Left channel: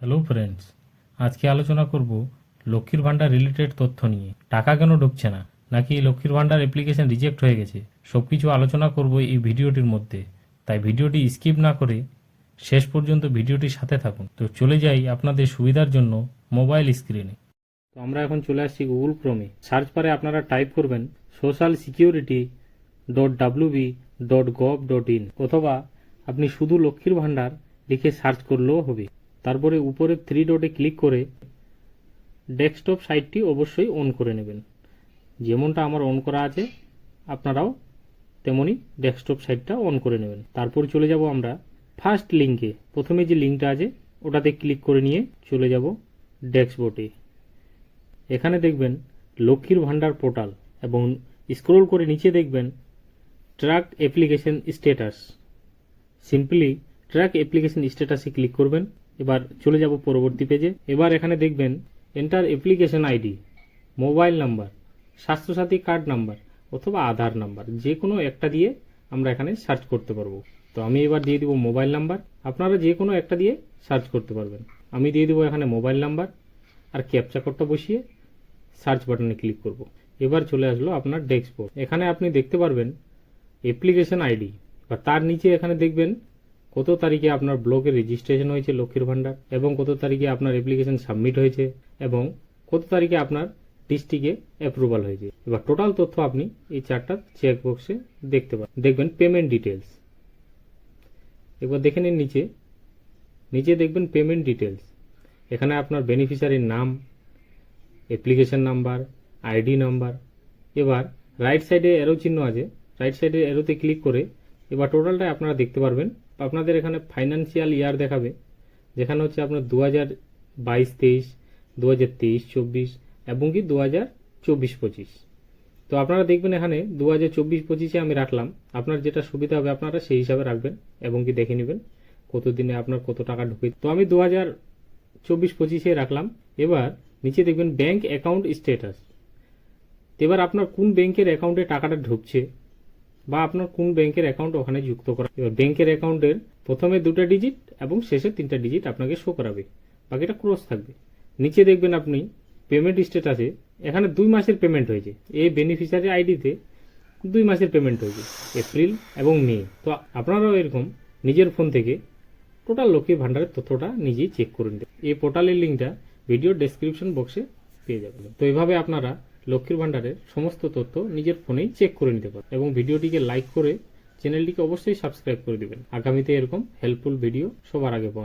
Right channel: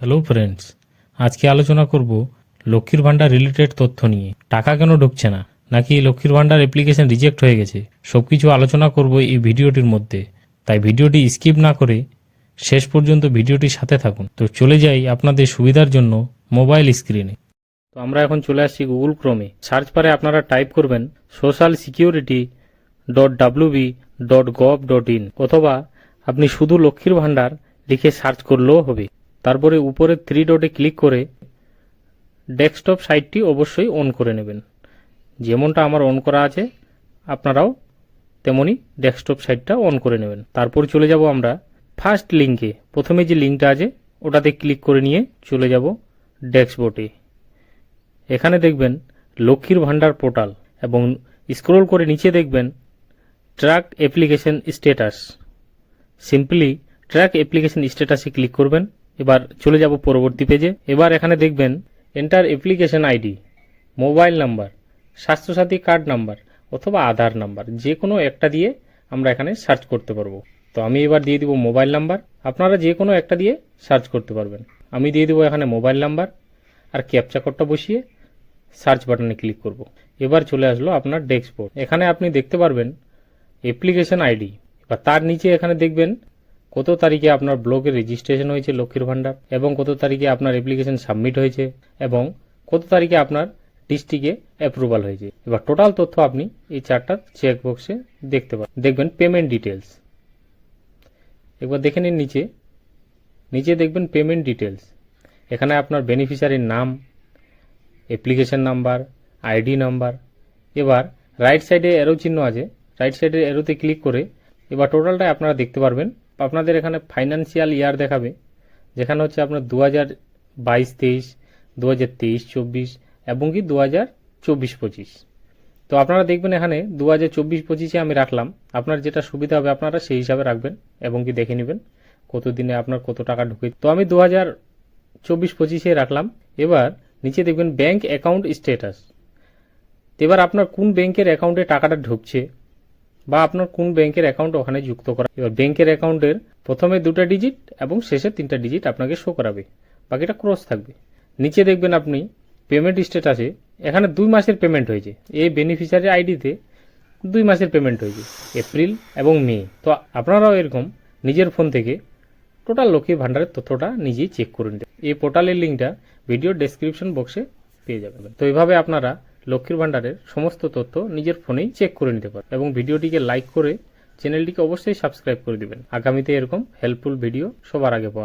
Hello friends, আজকে আলোচনা করব লক্ষ্মীর ভাণ্ডার রিলেটেড তথ্য নিয়ে। টাকা কেন ঢুকছে না, নাকি লক্ষ্মীর ভাণ্ডার অ্যাপ্লিকেশন রিজেক্ট হয়ে গেছে, সব কিছু আলোচনা করব এই ভিডিওটির মধ্যে। তাই ভিডিওটি স্কিপ না করে শেষ পর্যন্ত ভিডিওটির সাথে থাকুন। তো চলে যাই আপনাদের সুবিধার জন্য মোবাইল স্ক্রিনে। তো আমরা এখন চলে আসছি গুগল ক্রোমে। সার্চ বারে আপনারা টাইপ করবেন socialsecurity.wb.gov.in অথবা আপনি শুধু লক্ষ্মীর ভাণ্ডার লিখে সার্চ করলেও হবে। তারপরে উপরে 3 ডটে ক্লিক করে ডেস্কটপ সাইটটি অবশ্যই অন করে নেবেন। যেমনটা আমার অন করা আছে আপনারাও তেমনি ডেস্কটপ সাইটটা অন করে নেবেন। তারপর চলে যাব আমরা ফার্স্ট লিঙ্কে। প্রথমে যে লিঙ্কটা আছে ওটাতে ক্লিক করে নিয়ে চলে যাব ডেস্কবোর্ডে। এখানে দেখবেন লক্ষ্মীর ভাণ্ডার পোর্টাল এবং স্ক্রল করে নিচে দেখবেন track application status. Simply track application স্ট্যাটাসে ক্লিক করবেন। এবার চলে যাব পরবর্তী পেজে। এবার এখানে দেখবেন enter application ID, mobile number, Swasthya Sathi card number অথবা আধার নাম্বার, যে কোনো একটা দিয়ে আমরা এখানে সার্চ করতে পারবো। তো আমি এবার দিয়ে দিব মোবাইল নাম্বার। আপনারা যে কোনো একটা দিয়ে সার্চ করতে পারবেন। আমি দিয়ে দেবো এখানে মোবাইল নাম্বার আর ক্যাপচা কোডটা বসিয়ে সার্চ বাটনে ক্লিক করব। এবার চলে আসলো আপনার ডেস্কবোর্ড। এখানে আপনি দেখতে পারবেন অ্যাপ্লিকেশন আইডি বা তার নিচে এখানে দেখবেন কত তারিখে আপনার ব্লকে রেজিস্ট্রেশন হয়েছে লক্ষ্মীর ভাণ্ডার, এবং কত তারিখে আপনার অ্যাপ্লিকেশন সাবমিট হয়েছে, এবং কত তারিখে আপনার ডিস্ট্রিক্টে অ্যাপ্রুভাল হয়েছে। এবার টোটাল তথ্য আপনি এই চারটা চেক বক্সে দেখতে পাবেন। দেখবেন পেমেন্ট ডিটেলস। একবার দেখে নিন নিচে নিচে দেখবেন পেমেন্ট ডিটেলস। এখানে আপনার বেনিফিশিয়ারির নাম, অ্যাপ্লিকেশন নাম্বার, আইডি নাম্বার। এবার রাইট সাইডে অ্যারো চিহ্ন আছে, রাইট সাইডের অ্যারোতে ক্লিক করে এবার টোটালটা আপনারা দেখতে পারবেন। আপনাদের এখানে ফাইন্যান্সিয়াল ইয়ার দেখাবে, যেখানে হচ্ছে আপনার 2022-23, 2023-24 এবং কি 2024-25। তো আপনারা দেখবেন এখানে 2024-25-এ আমি রাখলাম। আপনার যেটা সুবিধা হবে আপনারা সেই হিসাবে রাখবেন এবং কি দেখে নেবেন কত দিনে আপনার কত টাকা ঢুকে। তো আমি 2024-25-এ রাখলাম। এবার নিচে দেখবেন ব্যাংক অ্যাকাউন্ট স্ট্যাটাস। এবার আপনার কোন ব্যাংকের অ্যাকাউন্টে টাকাটা ঢুকছে বা আপনার কোন ব্যাংকের অ্যাকাউন্ট ওখানে যুক্ত করা। এবার ব্যাংকের অ্যাকাউন্টের প্রথমে 2টা ডিজিট এবং শেষে 3টা ডিজিট আপনাকে শো করাবে, বাকিটা ক্রস থাকবে। নিচে দেখবেন আপনি পেমেন্ট স্ট্যাটাসে এখানে 2 মাসের পেমেন্ট হয়েছে। এই বেনিফিশিয়ারি আইডিতে 2 মাসের পেমেন্ট হয়েছে, এপ্রিল এবং মে। তো আপনারাও এরকম নিজের ফোন থেকে টোটাল লক্ষ্মীর ভাণ্ডারের তথ্যটা নিজেই চেক করে নিতে। এই পোর্টালের লিঙ্কটা ভিডিও ডেসক্রিপশন বক্সে পেয়ে যাবেন। তো এইভাবে আপনারা লক্ষ্মীর ভাণ্ডারের সমস্ত তথ্য নিজের ফোনেই চেক করে নিতে পারেন এবং ভিডিওটিকে লাইক করে চ্যানেলটিকে অবশ্যই সাবস্ক্রাইব করে দিবেন আগামীতে এরকম হেল্পফুল ভিডিও সবার আগে পাওয়ার।